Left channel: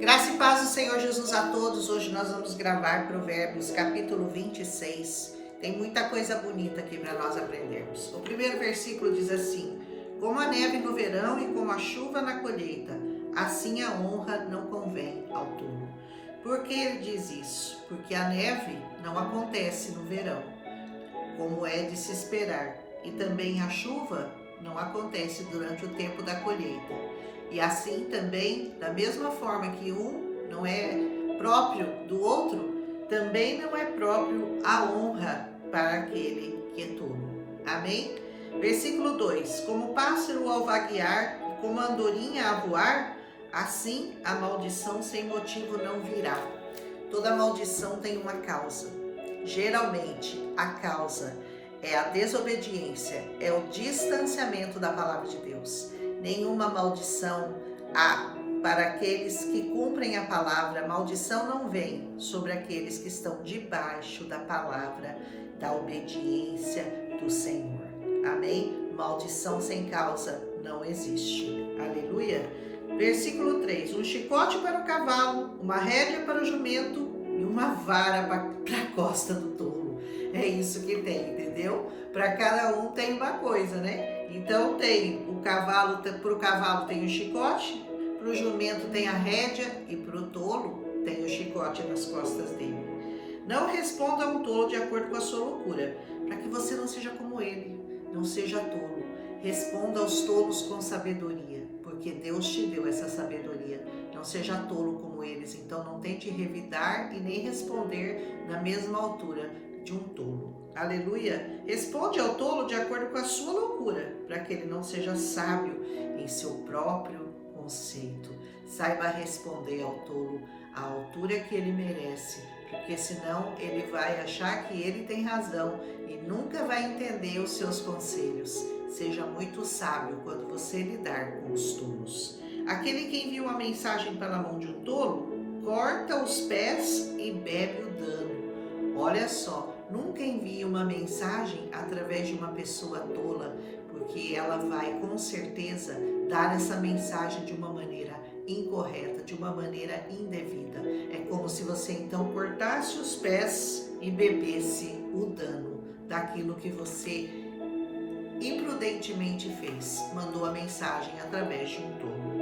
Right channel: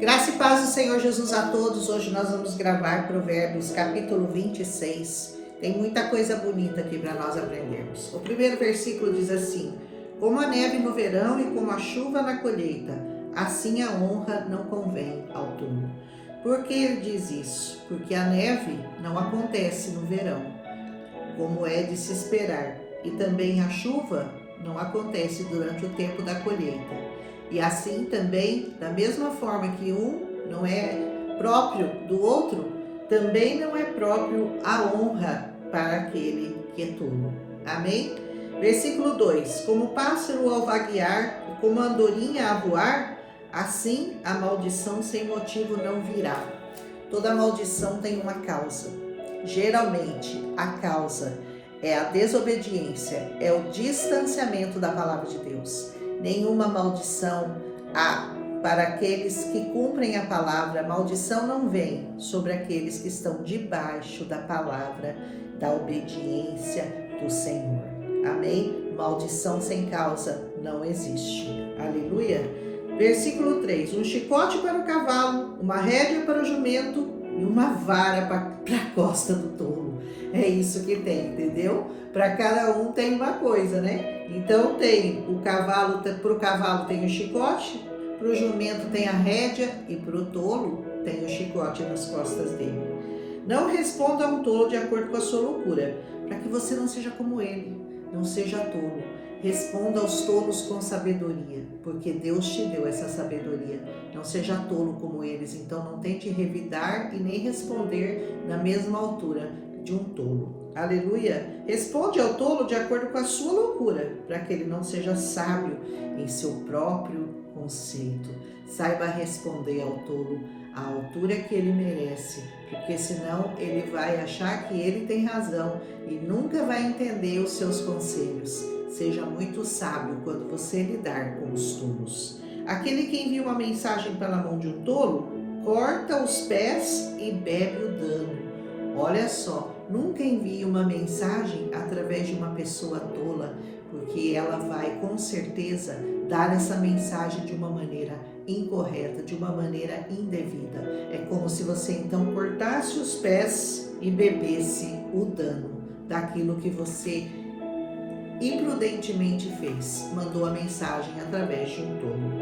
Graça e paz do Senhor Jesus a todos. Hoje nós vamos gravar Provérbios capítulo 26. Tem muita coisa bonita aqui para nós aprendermos. O primeiro versículo diz assim: como a neve no verão e como a chuva na colheita, assim a honra não convém ao tolo. Por que ele diz isso? Porque a neve não acontece no verão, como é de se esperar, e também a chuva não acontece durante o tempo da colheita. E assim também, da mesma forma que um não é próprio do outro, também não é próprio a honra para aquele que é tolo. Amém? Versículo 2: como o pássaro ao vaguear e como a andorinha a voar, assim a maldição sem motivo não virá. Toda maldição tem uma causa. Geralmente a causa é a desobediência, é o distanciamento da palavra de Deus. Nenhuma maldição há para aqueles que cumprem a palavra. Maldição não vem sobre aqueles que estão debaixo da palavra, da obediência do Senhor. Amém? Maldição sem causa não existe. Aleluia. Versículo 3: um chicote para o cavalo, uma rédea para o jumento e uma vara para a costa do tolo. É isso que tem, entendeu? Para cada um tem uma coisa, né? Então tem o cavalo, para o cavalo tem o chicote, para o jumento tem a rédea e para o tolo tem o chicote nas costas dele. Não responda a um tolo de acordo com a sua loucura, para que você não seja como ele, não seja tolo. Responda aos tolos com sabedoria, porque Deus te deu essa sabedoria. Não seja tolo como eles, então não tente revidar e nem responder na mesma altura de um tolo. Aleluia! Responde ao tolo de acordo com a sua loucura, para que ele não seja sábio em seu próprio conceito. Saiba responder ao tolo à altura que ele merece, porque senão ele vai achar que ele tem razão e nunca vai entender os seus conselhos. Seja muito sábio quando você lidar com os tolos. Aquele que envia uma mensagem pela mão de um tolo, corta os pés e bebe o dano. Olha só, nunca envie uma mensagem através de uma pessoa tola, porque ela vai com certeza dar essa mensagem de uma maneira incorreta, de uma maneira indevida. É como se você então cortasse os pés e bebesse o dano daquilo que você imprudentemente fez, mandou a mensagem através de um tolo.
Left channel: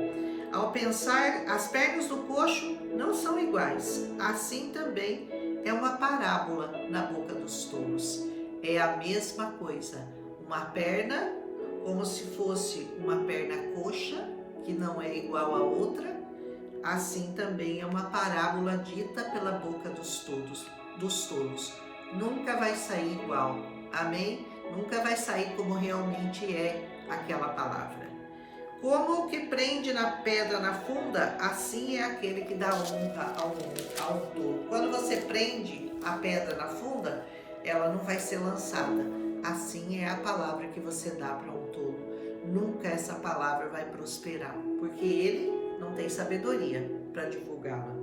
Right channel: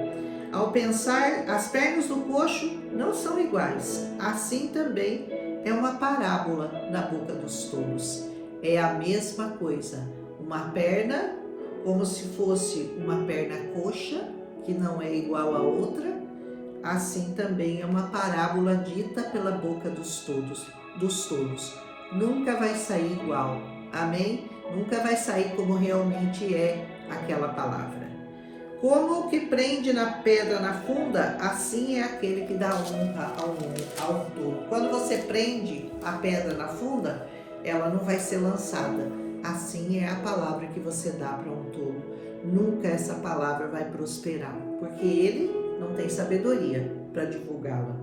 Ao pensar, as pernas do coxo não são iguais, assim também é uma parábola na boca dos tolos. É a mesma coisa, uma perna como se fosse uma perna coxa, que não é igual a outra, assim também é uma parábola dita pela boca dos tolos. Nunca vai sair igual, amém? Nunca vai sair como realmente é aquela palavra. Como o que prende na pedra na funda, assim é aquele que dá honra ao tolo. Quando você prende a pedra na funda, ela não vai ser lançada. Assim é a palavra que você dá para um tolo. Nunca essa palavra vai prosperar, porque ele não tem sabedoria para divulgá-la.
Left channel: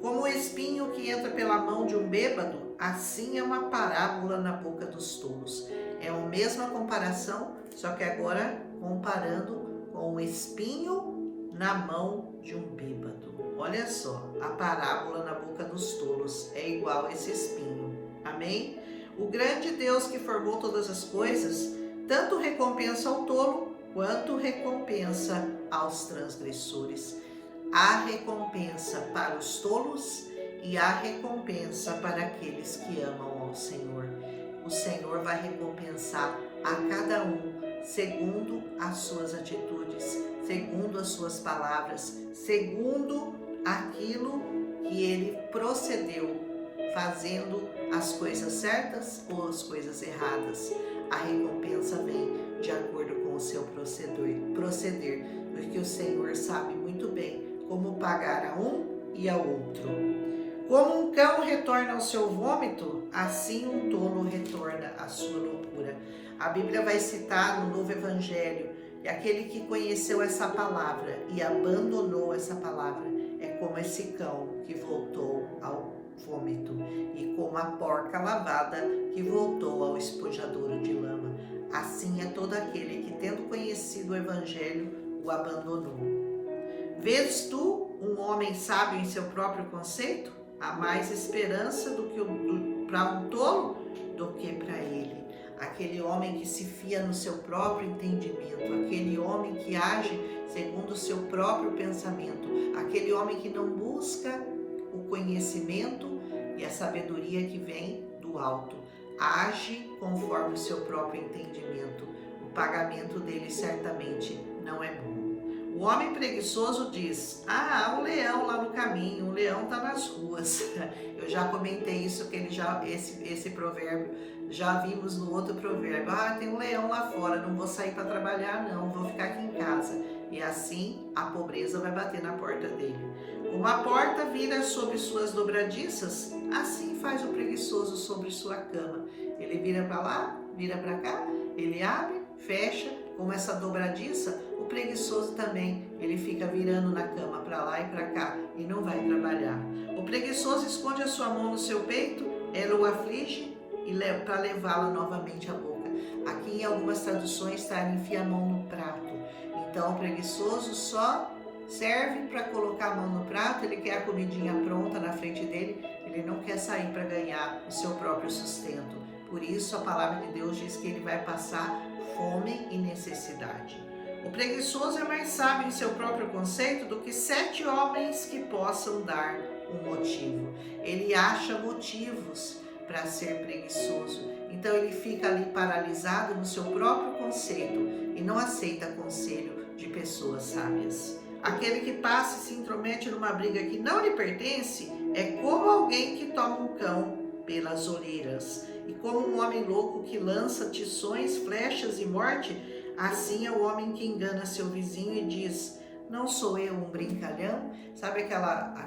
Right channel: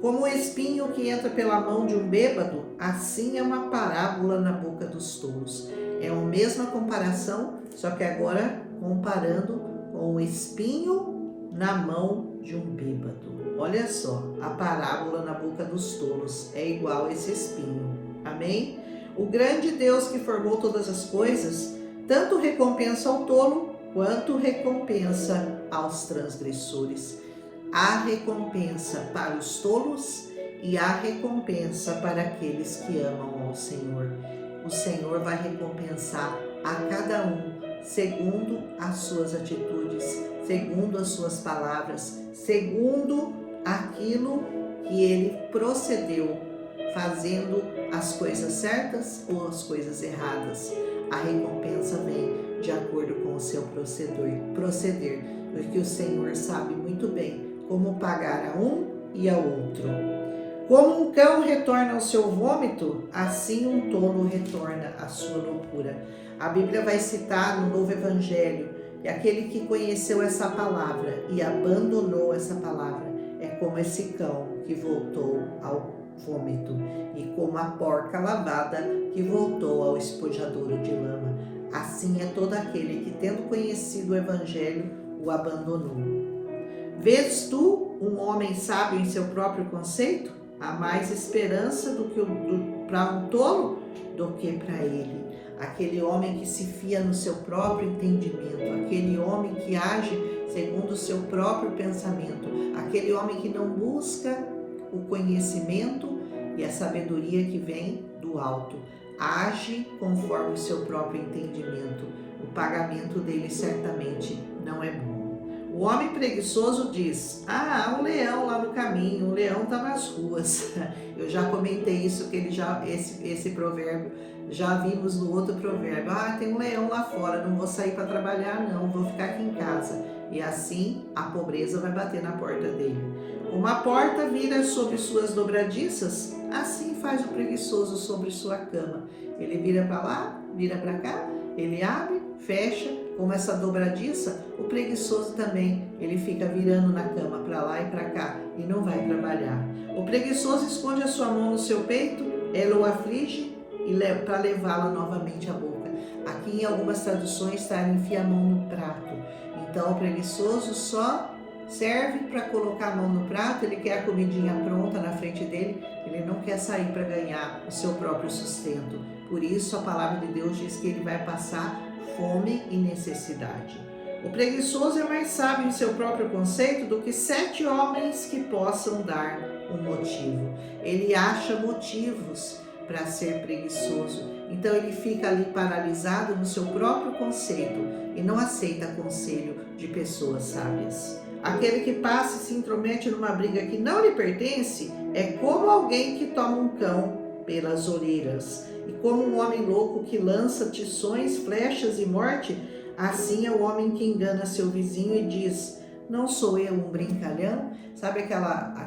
Como o espinho que entra pela mão de um bêbado, assim é uma parábola na boca dos tolos. É a mesma comparação, só que agora comparando com o espinho na mão de um bêbado. Olha só, a parábola na boca dos tolos é igual a esse espinho. Amém? O grande Deus que formou todas as coisas, tanto recompensa ao tolo, quanto recompensa aos transgressores. Há recompensa para os tolos e há recompensa para aqueles que amam ao Senhor. O Senhor vai recompensar a cada um segundo as suas atitudes, segundo as suas palavras, segundo aquilo que ele procedeu, fazendo as coisas certas ou as coisas erradas. A recompensa vem de acordo com o seu proceder, porque o Senhor sabe muito bem como pagar a um e ao outro. Como um cão retorna ao seu vômito, assim um tolo retorna à sua loucura. A Bíblia vai citar no Novo Evangelho que aquele que conheceu essa palavra e abandonou essa palavra é como esse cão que voltou ao vômito e como a porca lavada que voltou ao espojadouro de lama. Assim é todo aquele que, tendo conhecido o Evangelho, o abandonou. Vês tu um homem sábio em seu próprio conceito, há mais esperança para um tolo do que para ele. Aquele homem que se fia no seu próprio entendimento, aquele homem que age segundo o seu próprio pensamento, aquele homem que não busca o conhecimento e a sabedoria que vem do alto, age conforme o seu próprio entendimento. O pagamento dele certamente não é bom. O homem preguiçoso diz: há um leão lá no caminho, o leão está nas ruas. Eu já comentei isso, que esse provérbio, já vimos no outro provérbio. Tem um leão lá fora, não vou sair para trabalhar não, vou ficar aqui em casa. E assim a pobreza vai bater na porta dele. Uma porta vira sobre suas dobradiças, assim faz o preguiçoso sobre sua cama. Ele vira para lá, vira para cá, ele abre, fecha, como essa dobradiça, o preguiçoso também, ele fica virando na cama para lá e para cá e não vai trabalhar. O preguiçoso esconde a sua mão no seu peito, ela o aflige para levá-la novamente à boca. Aqui em algumas traduções está: enfia a mão no prato. Então o preguiçoso só serve para colocar a mão no prato, ele quer a comidinha pronta na frente dele, ele não quer sair para ganhar o seu próprio sustento. Por isso a palavra de Deus diz que ele vai passar fome e necessidade. O preguiçoso é mais sábio em seu próprio conceito do que 7 homens que possam dar um motivo. Ele acha motivos para ser preguiçoso, então ele fica ali paralisado no seu próprio conceito e não aceita conselho de pessoas sábias. Aquele que passa e se intromete numa briga que não lhe pertence é como alguém que toma um cão pelas orelhas. E como um homem louco que lança tições, flechas e morte, assim é o homem que engana seu vizinho e diz: não sou eu um brincalhão? Sabe aquela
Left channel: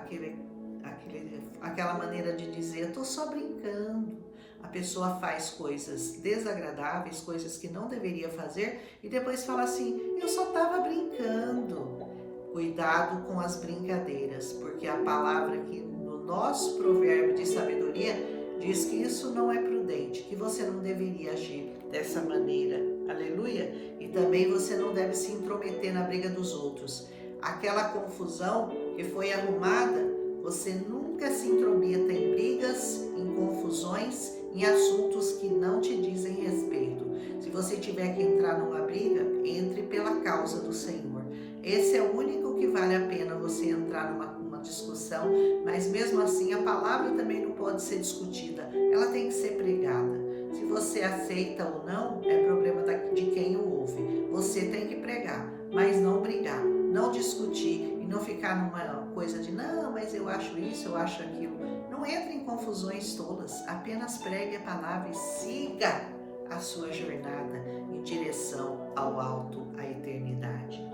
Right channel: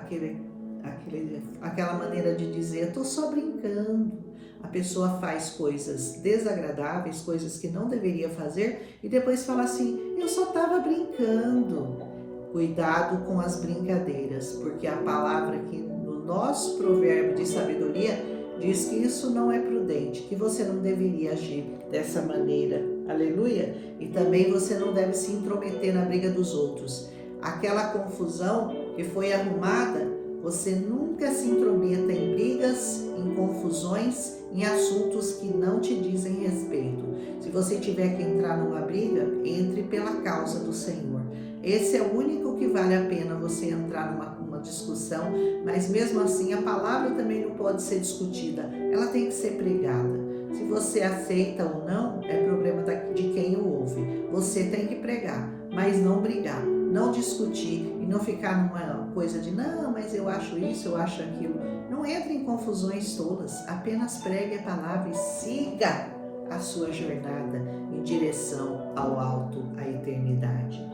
maneira de dizer: eu tô só brincando. A pessoa faz coisas desagradáveis, coisas que não deveria fazer e depois fala assim: eu só estava brincando. Cuidado com as brincadeiras, porque a palavra aqui no nosso provérbio de sabedoria diz que isso não é prudente, que você não deveria agir dessa maneira. Aleluia! E também você não deve se intrometer na briga dos outros. Aquela confusão que foi arrumada, você nunca se intrometa em brigas, em confusões, em assuntos que não te dizem respeito. Se você tiver que entrar numa briga, entre pela causa do Senhor. Esse é o único que vale a pena você entrar numa discussão, mas mesmo assim a palavra também não pode ser discutida, ela tem que ser pregada. Se você aceita ou não, é problema de quem o ouve. Você tem que pregar, mas não brigar, não discutir e não ficar numa coisa de não, mas eu acho isso, eu acho aquilo. Não entre em confusões tolas, apenas pregue a palavra e siga a sua jornada em direção ao alto, à eternidade.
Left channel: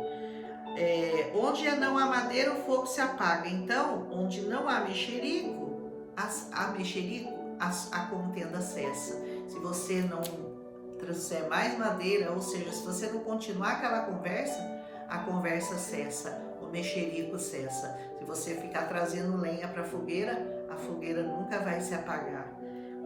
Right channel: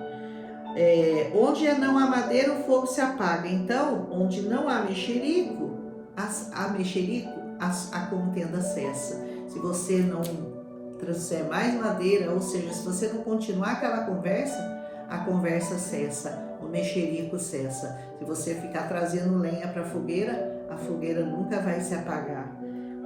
Onde não há madeira, o fogo se apaga. Então, onde não há mexerico, a contenda cessa. Se você não trouxer mais madeira, ou seja, se você não continuar aquela conversa, a conversa cessa, o mexerico cessa. Se você ficar trazendo lenha para a fogueira nunca vai se apagar.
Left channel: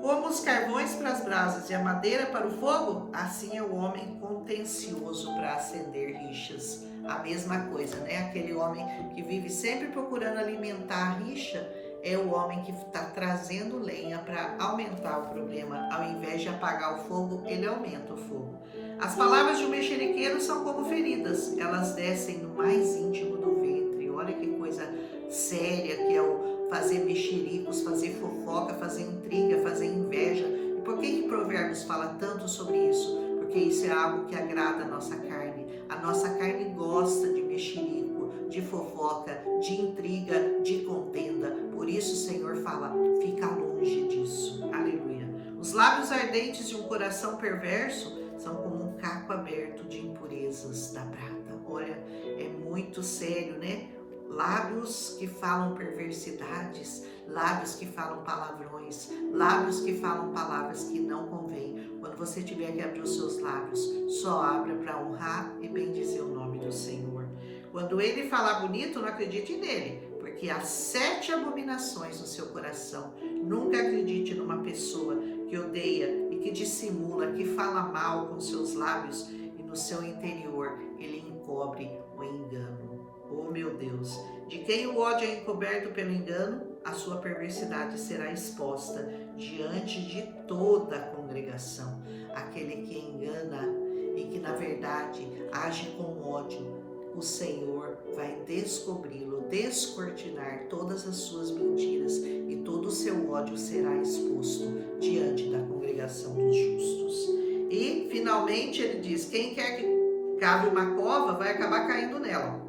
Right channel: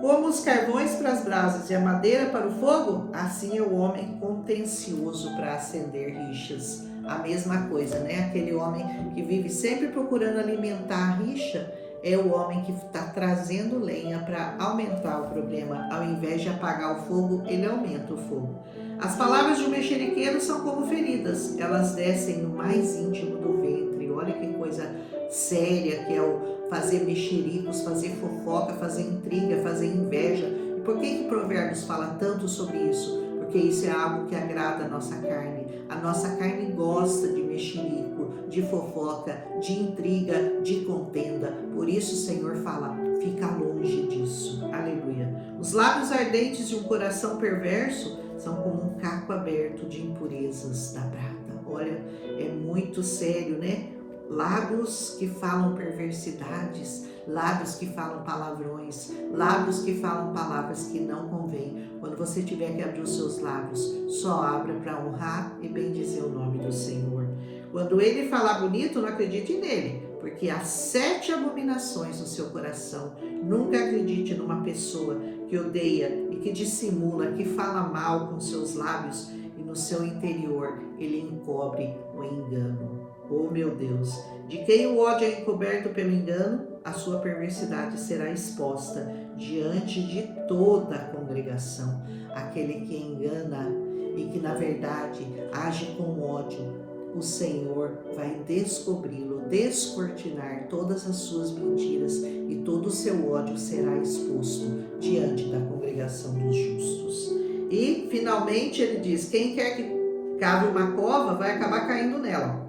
Como os carvões para as brasas e a madeira para o fogo, assim é o homem contencioso para acender rixas. A mesma coisa, né? Aquele homem que vive sempre procurando alimentar a rixa é o homem que está trazendo lenha para aumentar o problema. Ao invés de apagar o fogo, ele aumenta o fogo. As palavras de um mexeriqueiro são como feridas, elas descem no mais íntimo do ventre. Olha que coisa séria que é o fazer mexericos, fazer fofoca, fazer intriga, fazer inveja. E por que Provérbios fala tanto sobre isso? Porque isso é algo que agrada a nossa carne. A nossa carne gosta de mexerico, de fofoca, de intriga, de contenda. Por isso o Senhor fala: fica longe disso. Aleluia. Os lábios ardentes de um coração perverso são como um caco aberto de impurezas da prata. Olha, é muito sério, né? Lábios que falam perversidades, lábios que falam palavrões, lábios que falam palavras que não convêm. Quando você tiver que abrir os seus lábios, só abra para honrar e bendizer o nome do Senhor. Quando ele falar bonito, não acredite nele, porque há 7 abominações no seu coração. Nunca acredite numa pessoa que odeia e que dissimula, que fala mal com seus lábios e no seu interior ele encobre o engano. Oh meu Deus, de quem o ódio é encoberto pelo engano, a sua perversidade será exposta diante de toda a congregação. Aquele que engana e que na verdade age com ódio, o Senhor vai descobri-lo, descortinar todas as suas mentiras e todo o seu ódio será exposto diante da congregação dos justos. E finalmente ele diz: quem quer que cave uma cova vai acabar caindo nela.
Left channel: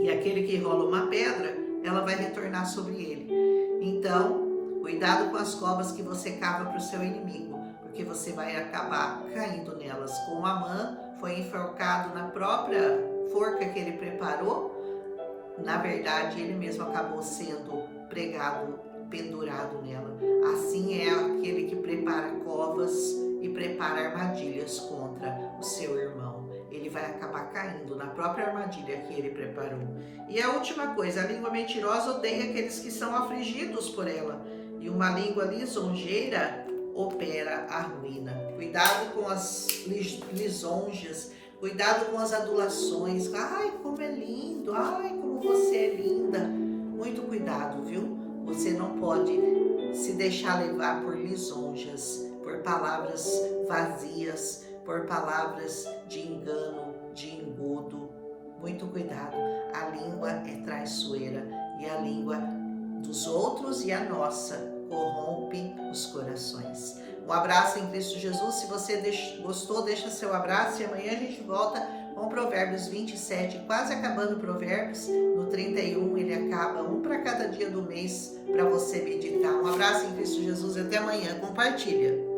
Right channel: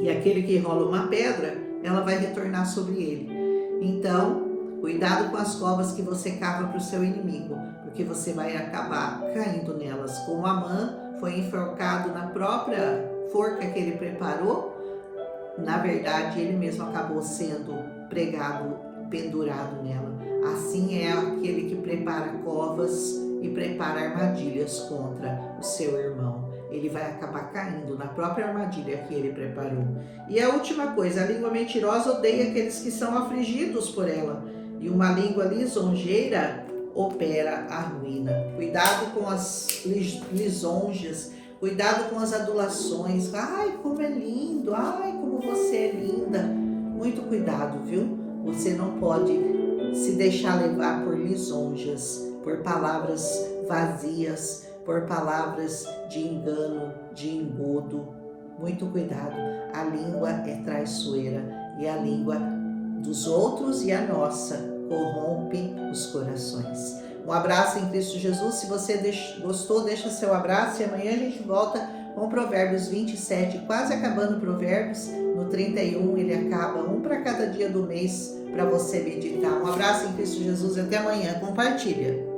E aquele que rola uma pedra, ela vai retornar sobre ele. Então, cuidado com as covas que você cava para o seu inimigo, porque você vai acabar caindo nelas. Como Amã foi enforcado na própria forca que ele preparou, na verdade ele mesmo acabou sendo pregado, pendurado nela. Assim é aquele que prepara covas e prepara armadilhas contra o seu irmão. Ele vai acabar caindo na própria armadilha que ele preparou. E a última coisa, a língua mentirosa odeia aqueles que são afligidos por ela, e uma língua lisonjeira opera a ruína. Cuidado com as lisonjas, cuidado com as adulações. Ai, como é lindo, ai, como você é linda. Muito cuidado, viu? Você não pode se deixar levar por lisonjas, por palavras vazias, por palavras de engano, de engodo. Muito cuidado, a língua é traiçoeira e a língua dos outros e a nossa corrompe os corações. Um abraço em Cristo Jesus. Se você gostou, deixa seu abraço e amanhã a gente volta com Provérbios 27, quase acabando Provérbios. No 31 ele acaba, um para cada dia do mês para você meditar. Um abraço em Cristo Jesus e até amanhã. Compartilha.